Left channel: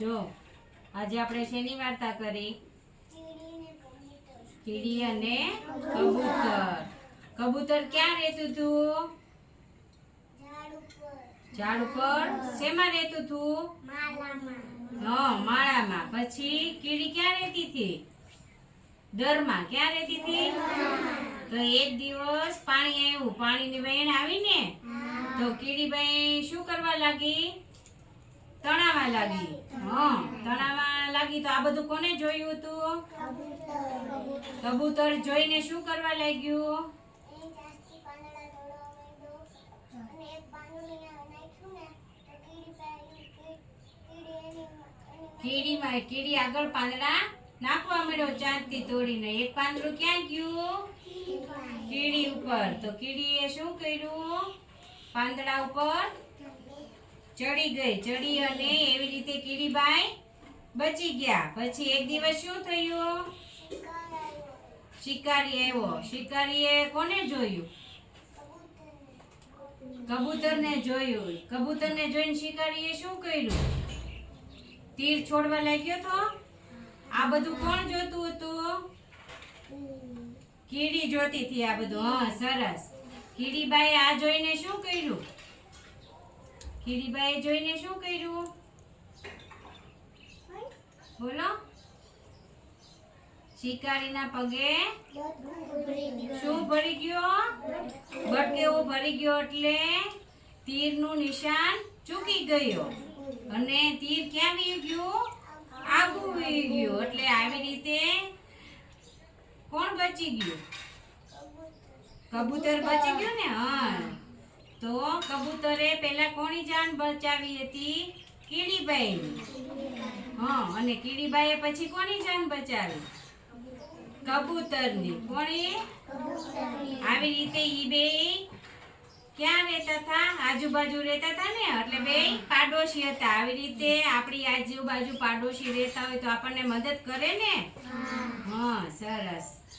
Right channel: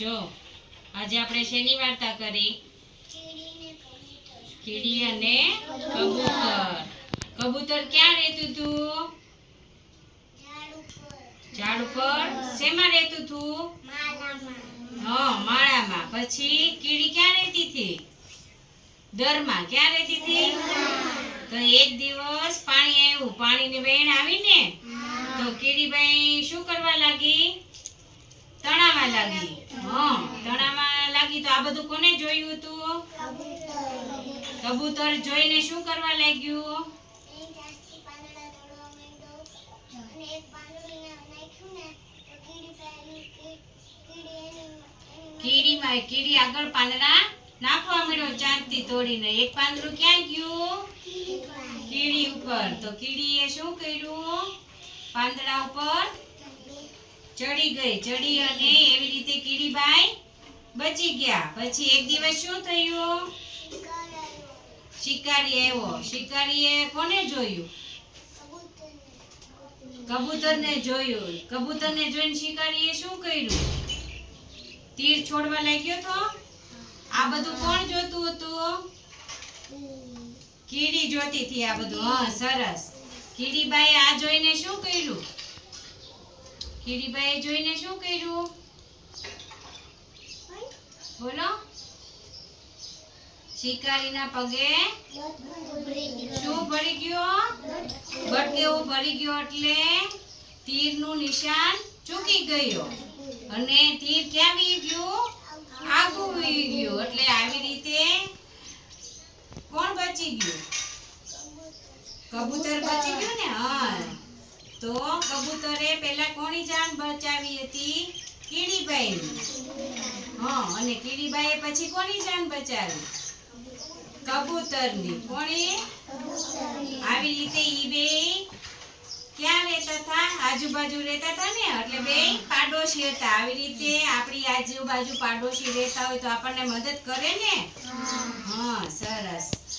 જો, આજે આપણે શેની વાર્તા કરી? કીડી અને કબૂતર. કબૂતર ક્યાં રહેતું હતું? ઝાડ ઉપર. શેમાં રહેતું હતું? હા, માળામાં. પછી કીડી ક્યાં રહેતી હતી? દરમાં. ક્યાં રહેતી હતી? તો એક દિવસ પાણી આવ્યું. પાણીની વેણ આવીને તો કીડીબાઈ શું કરવા લાગી? તણાવા લાગી. હા તણામાં લાગી તો આ બધું કોને જોયું હતું કબૂતર જોઈને શું કરવા લાગ્યું? કીડીમાં કીડી આગળ પાંદડા નાખવા મળ્યો, ચાંદથી તોડીને. એક પાંદડું ક્યાં ગયું? કીડી ઉપર. તો કીડીએ શું કર્યું? પાંદડા ઉપર ચડી ગઈ, ચડી અને એવી રીતે કીડીબાઈ બચી ગયા. પછી એક દિવસ શું થયું? શિકારી આવ્યો. શિકારીએ કોને જોયું? કબૂતરને જોયું. કબૂતરને જોઈને શિકારીએ શું કર્યું? તીર છોડવા લાગ્યો તો? આ બધું કોણ જોતું હતું? કીડી જોતી હતી આ બધું. હા, સરસ. કીડીબાઈ આ જોઈને શું કર્યું? કીડીબાઈએ જોઈને શું કર્યું? બોલો. શિકારીના પગે શું ભરી ગયો? બટકેવો ભરી ગયો એટલે તીરનું નિશાન ચૂકી ગયો. અને તીર ક્યાં વી ગયું? આગું વી ગયું. એટલે આવી રીતે કોણ બચી ગયું? કબૂતર બચી ગયું ને? હા તો કબૂતરે પહેલા કોની જાન બચાવી હતી? કીડીબાઈ હા અને કીડીબાઈએ પછી કોની જાન બચાવી? કબૂતરની. કોણે? આવી રીતે ઈ બે ક્યાં રહેતા હતા? આજુબાજુ રહેતા હતા ને? એટલે બે પાડોશી હતા. આવી રીતે આપણી આજુબાજુ પાડોશી રહેતા હોય તો આપણને મદદ કરે ને? હા સરસ.